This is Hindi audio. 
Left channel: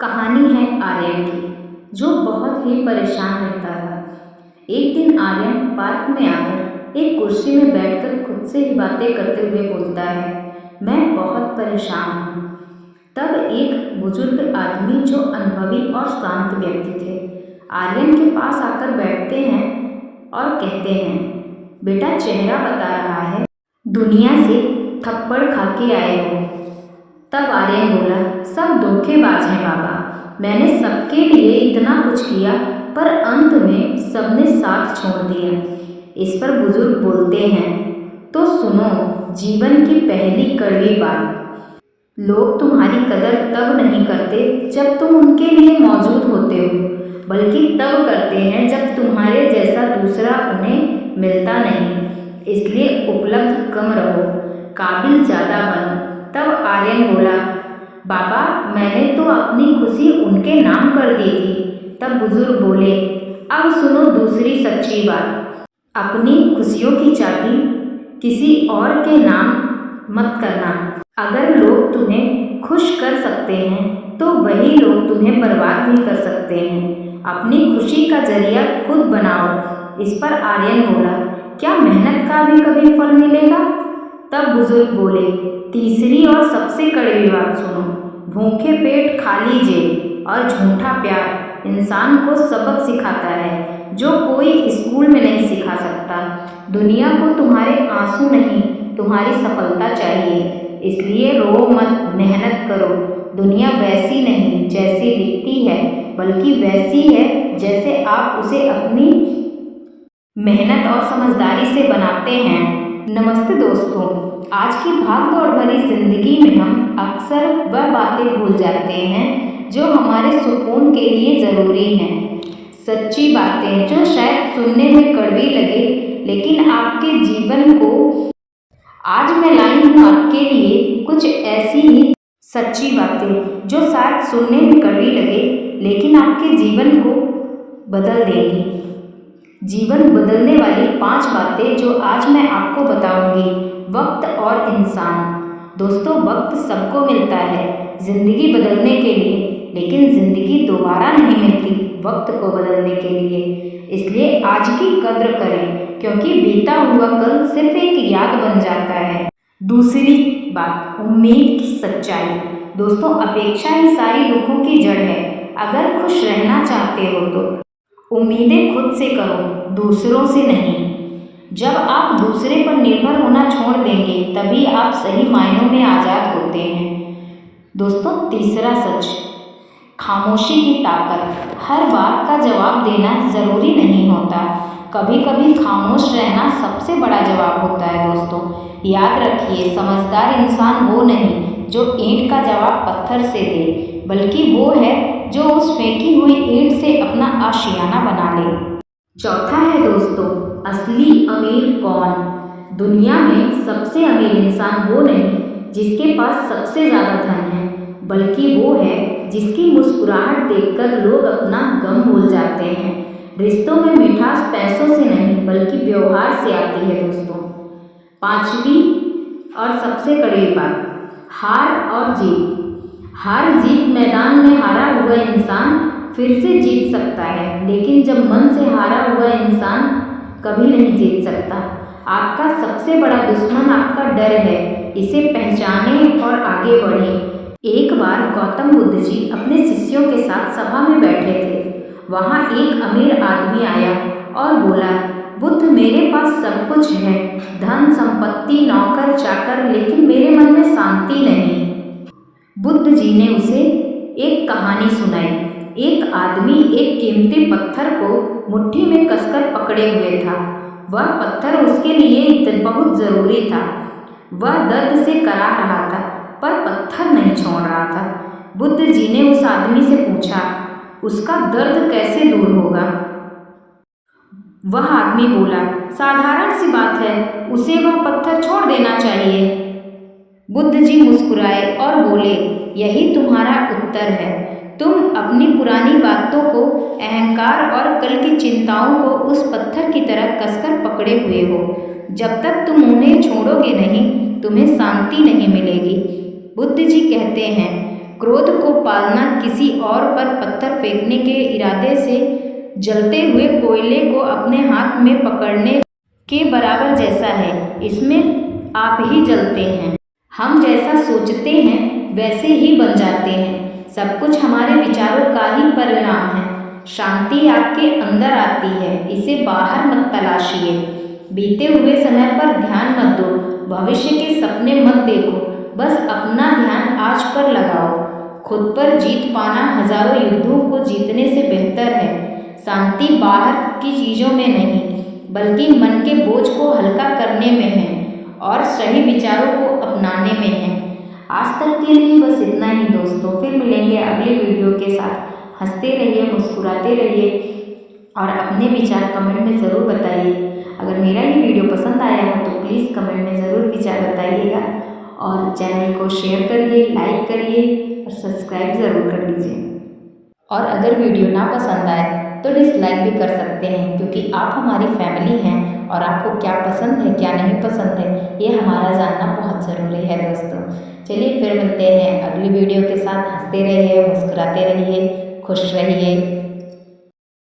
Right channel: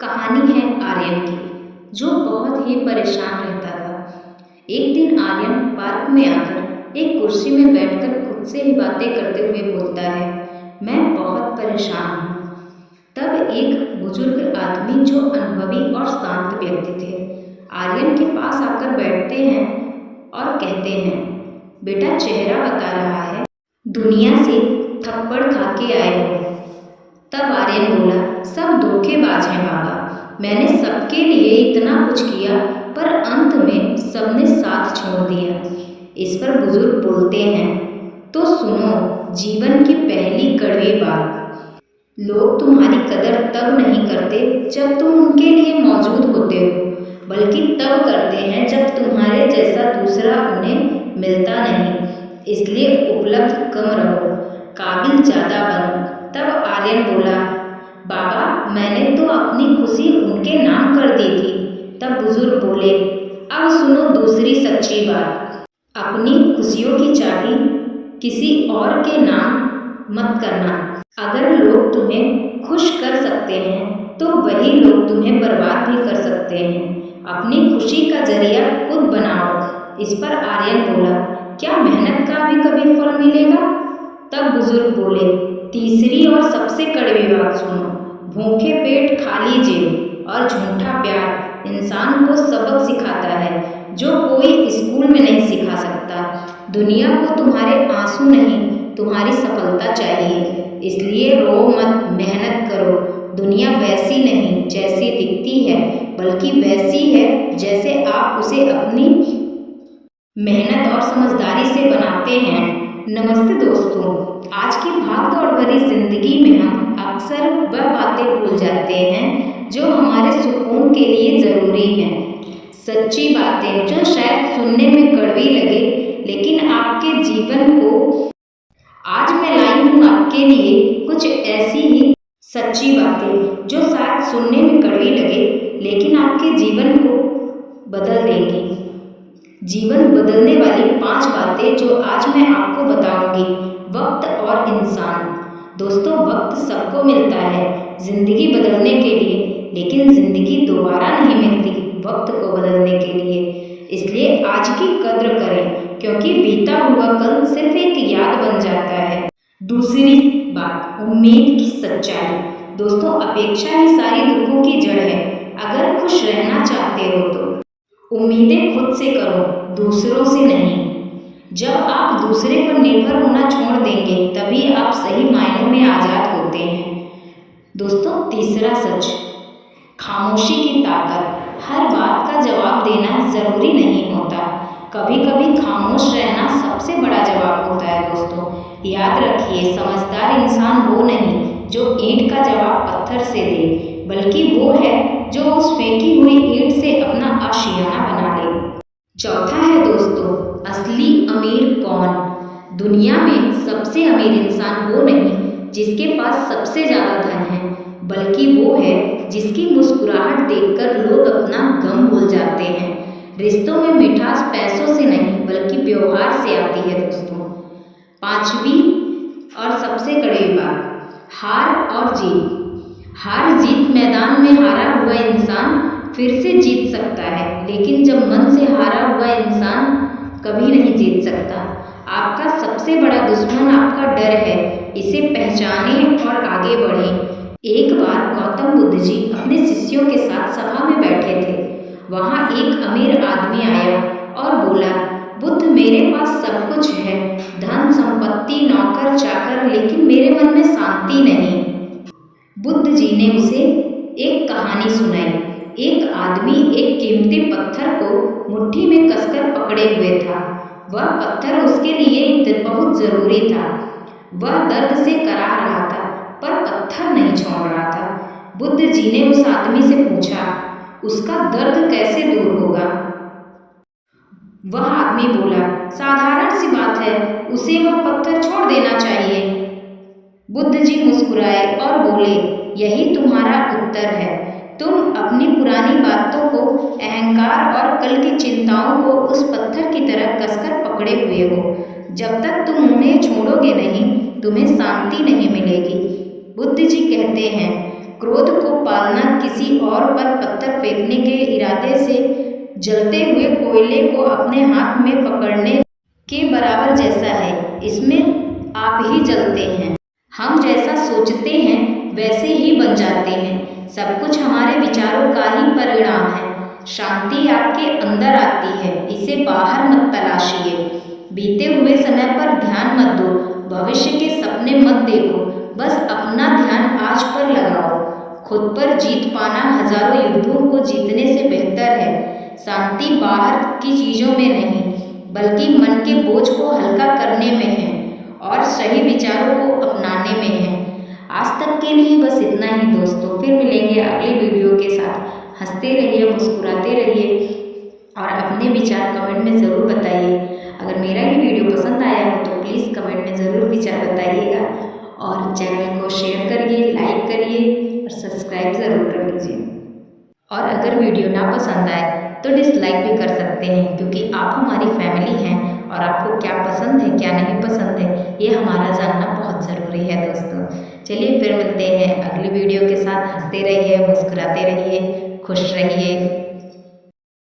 कहानी है आर्यन की, जो बहुत ही परेशान रहता था। एक दिन आर्यन पार्क में आकर एक कुर्सी में बैठकर खुद से ही बातें करते हुए बोलता है, मैं बहुत परेशान हूँ। तब एक बुजुर्ग आदमी जो अनुभवी और शांत व्यक्ति थे, आर्यन के पास आकर बैठते हैं और कहते हैं, बेटा चेहरा बता रहा है, दुनिया से थप्पड़ खा के आए हो। तब आर्यन बोला, सब धोखेबाज हैं बाबा, मैंने सबके लिए इतना कुछ किया पर अंत में सबने साथ छोड़ दिया। इस पर बुजुर्ग बोलते हैं, तो सुनो जीवन की पहली कड़वी बात, लोग तुम्हारी कदर तब नहीं करते जब तुम उनके लिए मौजूद होते हो, बल्कि तब करते हैं जब तुम्हारे जैसा दूसरा उन्हें मिलता नहीं। इसलिए उपलब्ध कम रहो, काबिल ज़्यादा बनो। तब आर्यन बोला, बाबा मैंने तो अपनी खुशी उनके नाम कर दी थी। तब बुजुर्ग बोले, अब सुनो दूसरी सच्ची बात, अपनी खुशियों की चाबी किसी और के नाम मत करना। अगर लोग तुम्हें खुश कर सकते हैं तो वही लोग तुम्हें बर्बाद भी कर सकते हैं। अपनी खुशी का जरिया खुद बनाओ। इस पर आर्यन बोला, क्या मेहनत का भी कभी फल मिलेगा? तब बुजुर्ग बोले, तीसरी और सबसे कड़वी बात सुनो, भूखे पेट खाली जेब और झूठा प्यार इंसान को सबक सिखाता है जो कोई स्कूल में नहीं सिखा सकता। दुनिया को तुम्हारे आंसू नहीं, तुम्हारी सफलता चाहिए। इसलिए रो मत, मेहनत करो। दुनिया वैसी नहीं जैसी दिखती है, बल्कि वैसी है जैसे आप उसे अपनी मेहनत और समझदारी से बनाते हैं। नमस्ते दोस्तों, आज की भाग दौड़ भरी जिंदगी में हम अक्सर वह बातें भूल जाते हैं जो हमारे सुकून के लिए ज़रूरी हैं। सच्ची बातें जो शायद सुनने में कड़वी लगे, लेकिन आपके जीवन को, आज मैं लाई हूँ आपके लिए कुछ ऐसी ही सच्ची बातें जो शायद सुनने में कड़वी लगे, लेकिन आपके जीवन को बदल देंगी। जीवन बदलने वाली 5 बातें जो आज मैं आपको बताऊंगी। वक्त और इंसान। दोस्तों, वक्त सबको मिलता है ज़िंदगी बदलने के लिए, लेकिन ज़िंदगी दोबारा नहीं मिलती वक्त को बदलने के लिए। इसलिए आज की कद्र करें, क्योंकि बीता हुआ कल सिर्फ एक याद बन जाता है। दूसरी बात, उम्मीद की सच्चाई। दोस्तों, अपेक्षा ही सारी दुखों की जड़ है। अगर खुश रहना चाहते हो तो उम्मीदें खुद से करो, दूसरों से नहीं। जब आप दूसरे पर निर्भर होना छोड़ देंगे, तभी आप सही मायनों में आज़ाद होते हैं। दोस्तों, तीसरा सच, खामोशी की ताकत। हर बात का जवाब देना ज़रूरी नहीं होता, कभी कभी खामोश रहना सबसे बड़ा जवाब होता है। दोस्तों, याद रखिए, समझदार इंसान वो नहीं जो ईंट का जवाब पत्थर से दे, बल्कि वो है जो उस फेंकी हुई ईंट से अपना आशियाना बना ले। चौथा है दोस्तों, असली अमीर कौन? दुनिया में सबसे अमीर इंसान वो नहीं जिसके पास सबसे ज़्यादा धन है, बल्कि वो है जिसकी मुस्कुराहट देखकर लोग अपना गम भूल जाते हैं। रिश्तों में मिठास पैसों से नहीं, बल्कि व्यवहार से आती है। दोस्तों, 5वीं और सबसे कड़वी बात, हार और जीत। हार जीत मैदान में हारा हुआ इंसान फिर से जीत सकता है, लेकिन जब मन से हारा हुआ इंसान कभी नहीं जीत सकता। आपका सबसे बड़ा दुश्मन आपका डर है, इसे पहचानें और आगे बढ़ें। एक बार गौतम बुद्ध जी अपने शिष्यों के साथ सभा में बैठे थे। वहाँ एक अमीर आदमी आया और बोला, बुद्ध मेरे पास सब कुछ है, धन संपत्ति नौकर चाकर, लेकिन मेरे मन में शांति नहीं। बुद्ध जी ने उसे एक कहानी सुनाई। एक आदमी एक कीमती पत्थर को मुट्ठी में कसकर पकड़े हुए था। वह पत्थर उसके लिए बहुत ज़रूरी था। वह दर्द से कराह रहा था, पर पत्थर नहीं छोड़ रहा था। बुद्ध जी ने उस आदमी से पूछा, उसका दर्द कैसे दूर होगा? वह आदमी बोला, साधारण सी बात है, उसे वह पत्थर छोड़ देना चाहिए। बुद्ध जी मुस्कुराए और बोले, यही तुम्हारा उत्तर है। तुम अपनी पुरानी बातों को, अहंकार और कल की चिंताओं को उस पत्थर की तरह कसकर पकड़े हुए हो। जब तक तुम उन्हें छोड़ोगे नहीं, तुम्हें शांति नहीं मिलेगी। बुद्ध जी कहते हैं, क्रोध को पालना किसी और पर पत्थर फेंकने के इरादे से जलते हुए कोयले को अपने हाथ में पकड़ने के बराबर जैसा है। इसमें आप ही जलते हैं। हम जैसा सोचते हैं वैसे ही बन जाते हैं। सब कुछ हमारे विचारों का ही परिणाम है। शांति आपके अंदर आती है, इसे बाहर मत तलाशिए। बीते हुए समय पर ध्यान मत दो, भविष्य के सपने मत देखो, बस अपना ध्यान आज पर लगाओ। खुद पर जीत पाना हजारों युद्धों को जीतने से बेहतर है। शांति बाहर की चीज़ों में नहीं, बल्कि मन के बोझ को हल्का करने में है और सही विचारों को अपनाने में है। आज तक के लिए बस इतना ही दोस्तों। फिर मिलेंगे अगले वीडियो के साथ। हंसते रहिए, मुस्कुराते रहिए और अपने विचार कमेंट में ज़रूर बताइए। अगर मेरा ये वीडियो पसंद आया हो तो प्लीज़ कमेंट में ज़रूर विचार बताइएगा और चैनल को शेयर करिए, लाइक करिए और सब्सक्राइब ज़रूर कर लीजिए। और अगर वीडियो ना पसंद आए तो डिसलाइक भी कर सकते हैं, क्योंकि आप हमारी फैमिली हैं और आपको क्या पसंद है क्या नहीं पसंद है ये हमारा जानना बहुत ज़रूरी है दोस्तों। चलिए फिर मिलते हैं अगली वीडियो के साथ। हंसते रहिए, मुस्कुराते रहिए, खुश रहिए।